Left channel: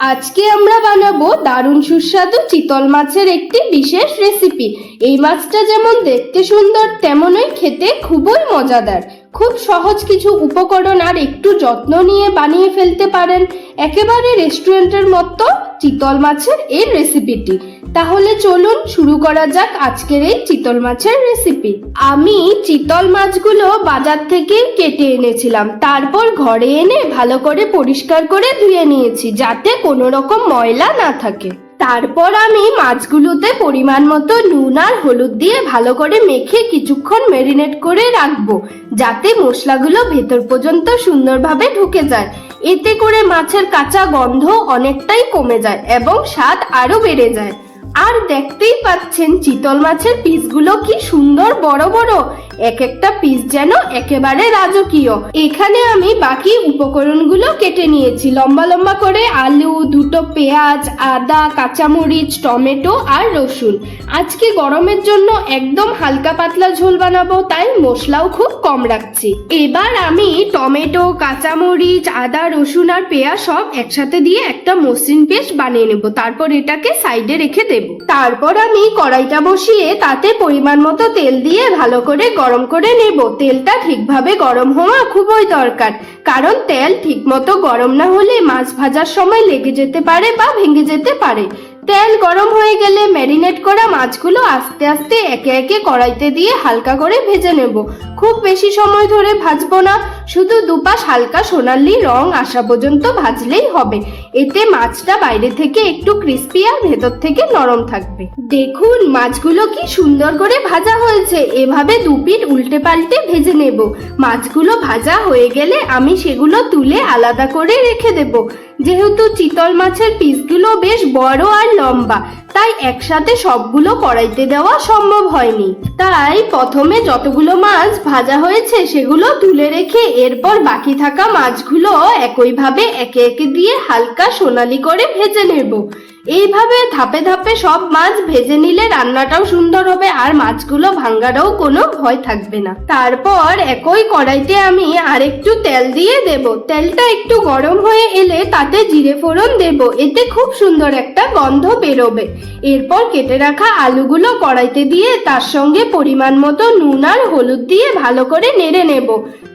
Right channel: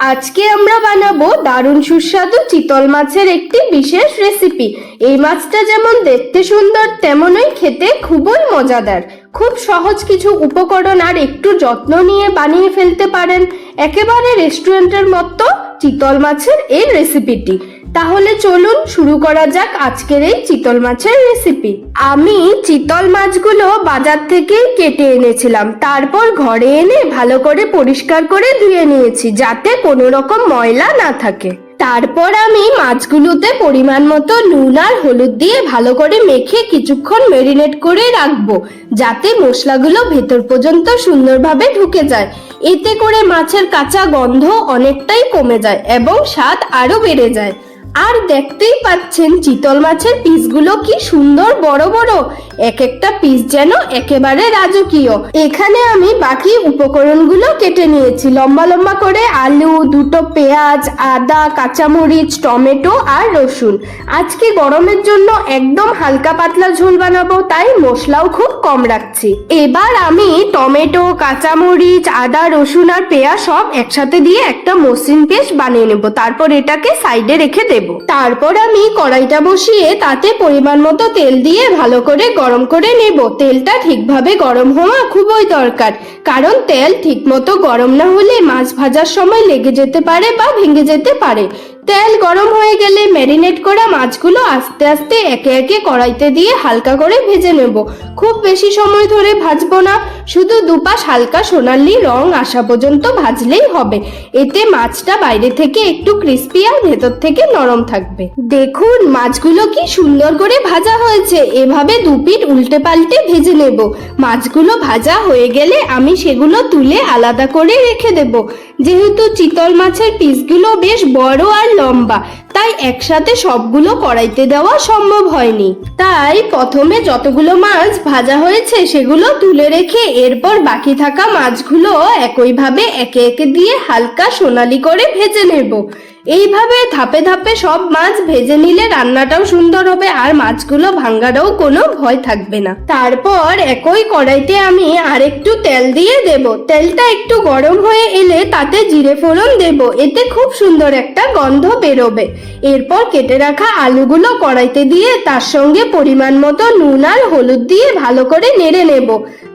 আজকে আমরা বানাবো দারুণ সুস্বাদু চিতল মাছের একটি বিশেষ রেসিপি। এই মাছটা যেমন দেখতে সুন্দর তেমনই খেতে খুবই মজাদার। খুব সহজ কিছু উপকরণ আর একটু যত্ন নিয়ে বানিয়ে ফেলতে পারেন একেবারে রেস্টুরেন্টের মতো চিতল মাছের এই রেসিপিটি। তাহলে চলুন শুরু করা যাক আজকের এই চিতল মাছের রেসিপি। আমি চিতল মাছগুলো বাজার থেকে কেটে এনেছিলাম, তারপর ঘরে এনে ভালো করে পরিষ্কার করে ধুয়ে নিয়েছি যাতে কোনো রকম ময়লা না থাকে। তারপর আমি মাছগুলোতে পরিমাণ মতো নুন আর হলুদ দিয়ে ভালো করে মেখে কিছুক্ষণ ম্যারিনেট করে রাখবো যাতে মশলাগুলো ভেতর পর্যন্ত সুন্দরভাবে ঢুকে যায়। এতে করে মাছের কাঁচা গন্ধ অনেকটাই কমে যায় এবং স্বাদ আরো বেড়ে যায়। আর দেখতেই পাচ্ছেন চিতল মাছের পিসগুলো কি সুন্দর বড় বড়, এক একটা পিস যেন একেবারে রাজকীয়। এখানে আমি বাকি উপকরণগুলো কেটে নিয়েছি লম্বা লম্বা করে। আলু, দুটো পেঁয়াজ, আদা, কাঁচামরিচ, টমেটো আর রসুন। আজকে গরমের জন্য একদম হালকা পাতলা ঝোল বানাবো, তাই মশলাও খুব কম রাখছি। এবার আমি টমেটো, কাঁচামরিচ, আদা, রসুন আর পেঁয়াজ সব একসাথে দিয়ে একটা মসৃণ পেস্ট বানিয়ে নেব। তারপর এটাকে সাইডে রেখে দেব। তারপর আমি কড়াইটা বসিয়ে তাতে পরিমাণ মতো তেল দিয়ে ভালো করে গরম করে নেব। তেলটা ঠিকভাবে গরম হওয়া খুবই দরকার, কারণ তেল ঠিকমতো গরম না হলে মাছ ভাজার সময় লেগে যেতে পারে বা ভেঙে যেতে পারে। তেল গরম হয়ে গেলে ম্যারিনেট করা মাছগুলো আস্তে আস্তে একে একে কড়াইতে দিয়ে হালকা করে ভেজে নেব। খুব বেশি সময় ধরে ভাজবো না, শুধু দুপাশ হালকা সোনালি রং আসা পর্যন্ত ভাজলেই হবে। এতে মাছটা বাইরে থেকে একটু ক্রিস্পি আর ভেতর থেকে নরম থাকবে। দেখুন মাছগুলো কি সুন্দর করে ভাজা হয়েছে। এভাবে দুপিঠ উল্টে পাল্টে ভেজে নেব। মাছগুলো ভাজা হয়ে গেলে আমি সেগুলো তুলে আলাদা করে রেখে দেব। যেহেতু চিতল মাছের পিসগুলো বেশ বড় আর লম্বা, তাই একসাথে সবগুলো কড়াইতে দেওয়া সম্ভব হয়নি। তাই প্রথমে যতগুলো মাছ ভাজা হয়েছে সেগুলো তুলে রেখে এরপর বাকি থাকা মাছগুলো একইভাবে একে একে দিয়ে হালকা সোনালি করে ভেজে নেব। এইভাবে ধাপে ধাপে সব মাছ ভেজে নিলে রান্নাটাও সুন্দর হবে আর মাছগুলো ভাঙারও কোনো ভয় থাকবে না। তারপর একই কড়াইতে আমি আরেকটু তেল দিয়ে দেব। তেলটা একটু গরম হয়ে এলে তাতে জিরে ফোড়ন দেব। এতে খুব সুন্দর একটা গন্ধ বেরোবে। এরপর কেটে রাখা আলুগুলো কড়াইতে দিয়ে তার সঙ্গে পরিমাণ মতো নুন আর হলুদ দিয়ে ভালো করে নেড়ে নেব।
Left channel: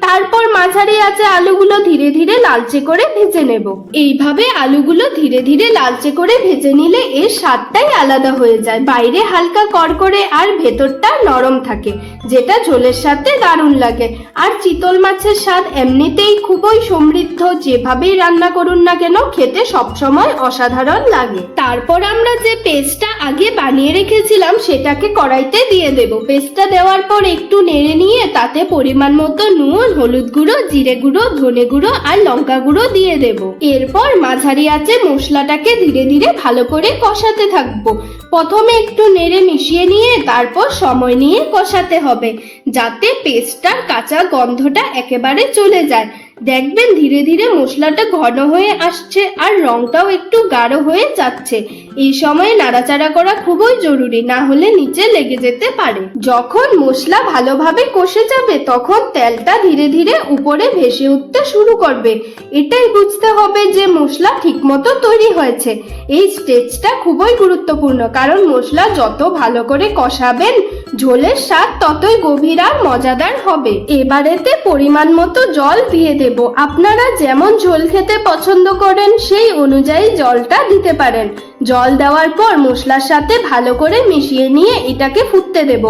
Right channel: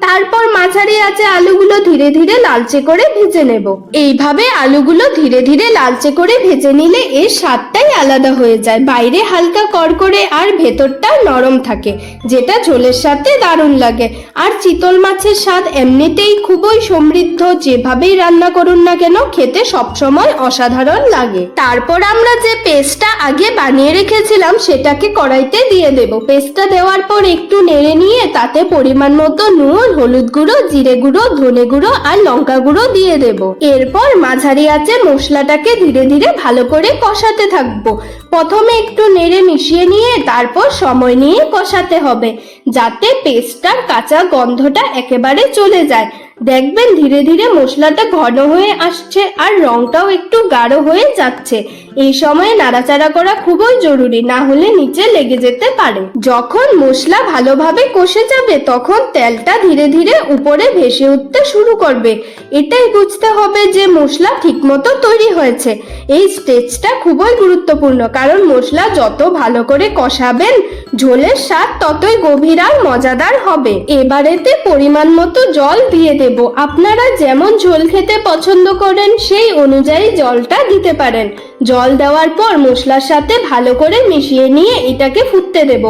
তারপর মাঝারি আঁচে আলুগুলো ধীরে ধীরে লালচে করে ভেজে নেব। এইভাবে আলুগুলো ধীরে ধীরে লালচে করে ভেজে নিলে এর স্বাদটাই আলাদা হয়ে যায়। বাইরে হালকা কড়কড়ে আর ভেতরটা নরম থাকে, যেটা ঝোলের সাথে দারুণ লাগে। আর চিতল মাছের স্বাদ এমনিতেই খুবই সমৃদ্ধ, যেভাবেই রান্না করুন না কেন খেতে সবসময় অসাধারণ লাগে। তারপর আমরা যে পেস্টটা আগে বানিয়ে রেখেছিলাম সেটাকে কড়াইতে দিয়ে দেব। পেস্টটা দেওয়ার পর একটু নেড়ে নিয়ে তাতে পরিমাণ মতো নুন, হলুদ গুঁড়ো, জিরে গুঁড়ো, ধনে গুঁড়ো আর লঙ্কা গুঁড়ো দিয়ে দেব। এরপর মাঝারি আঁচে মশলাটাকে ধীরে ধীরে ভালো করে কষাতে থাকবো। প্রথমে একটু নেড়ে মিশিয়ে নিয়ে তারপর সময় নিয়ে কষাতে হবে যাতে পেস্টটার কাঁচা গন্ধটা একেবারে চলে যায়। দেখবেন ধীরে ধীরে মশলাটা ঘন হয়ে আসছে আর রংটাও একটু গাঢ় হয়ে যাচ্ছে। এই সময় নাড়াচাড়া করা খুবই জরুরি, না হলে নিচে লেগে যেতে পারে। যখন মশলা ভালোভাবে কষে যাবে তখন তেলটা ধীরে ধীরে উপরে ভেসে উঠতে শুরু করবে। এটাই বুঝতে হবে যে মশলা ঠিকমতো তৈরি হয়েছে। এই স্টেজটা খুবই গুরুত্বপূর্ণ, কারণ মশলা যত ভালো করে কষাবেন ঝোলের স্বাদ ততই গভীর আর মজাদার হবে। এবারেতে পরিমাণ মতো জল দিয়ে দেব। আপনারা যেমন ঝোল খেতে পছন্দ করেন সেই অনুযায়ী জলটা দিতে পারেন। জল দেওয়ার পর মশলার সাথে ভালো করে মিশিয়ে নিয়ে এটাকে ফুটতে দেব।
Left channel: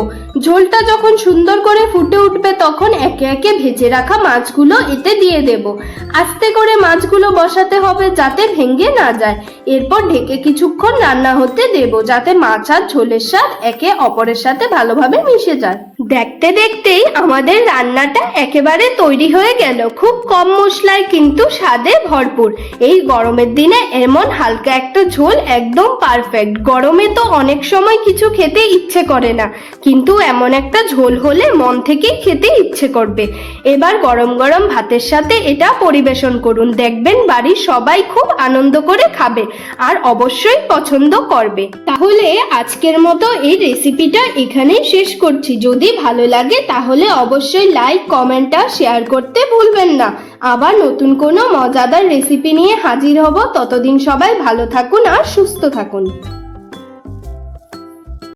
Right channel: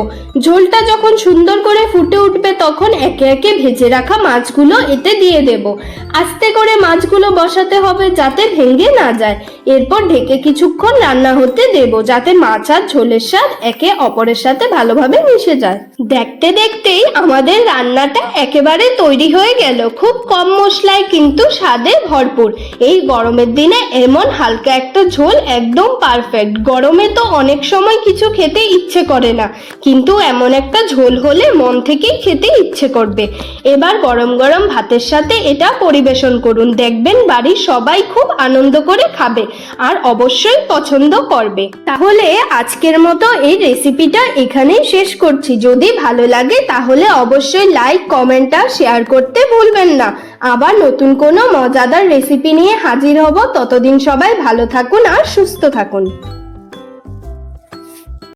ঝোলটা যখন সুন্দর করে ফুটে উঠবে তখন একে একে ভেজে রাখা মাছগুলো এতে দিয়ে দেব। আস্তে করে মাছগুলো বসাতে হবে যাতে ভেঙে না যায়। এরপর ঢেকে কিছুক্ষণ রান্না হতে দেব যাতে মাছ আর ঝোলের স্বাদ একে অপরের সাথে ভালোভাবে মিশে যায়। দেখতে দেখতেই আমাদের রান্নাটা একেবারে তৈরি হয়ে গেল। খুব কম মশলায় কিন্তু স্বাদে ভরপুর। এই গরমের দিনে এমন হালকা একটা ঝোল একদম পারফেক্ট। গরমে তো অনেক সময় কিছু খেতে ইচ্ছে করে না, কিন্তু এমন একটা ঝোল হলে মন থেকেই খেতে ইচ্ছে করবে। এবার গরম গরম ভাতের সাথে এটা পরিবেশন করুন। দেখবেন বাড়ির সবাই খুব আনন্দ করে খাবে আর অবশ্যই পছন্দ করবে। তাহলে আজকের মতো এই রেসিপিটা এখানেই শেষ করছি। যদি ভালো লাগে তাহলে অবশ্যই লাইক, কমেন্ট আর শেয়ার করতে ভুলবেন না। আবার নতুন কোনো মজাদার রেসিপি নিয়ে হাজির হব। ততদিন সবাই ভালো থাকুন আর সুস্থ থাকুন।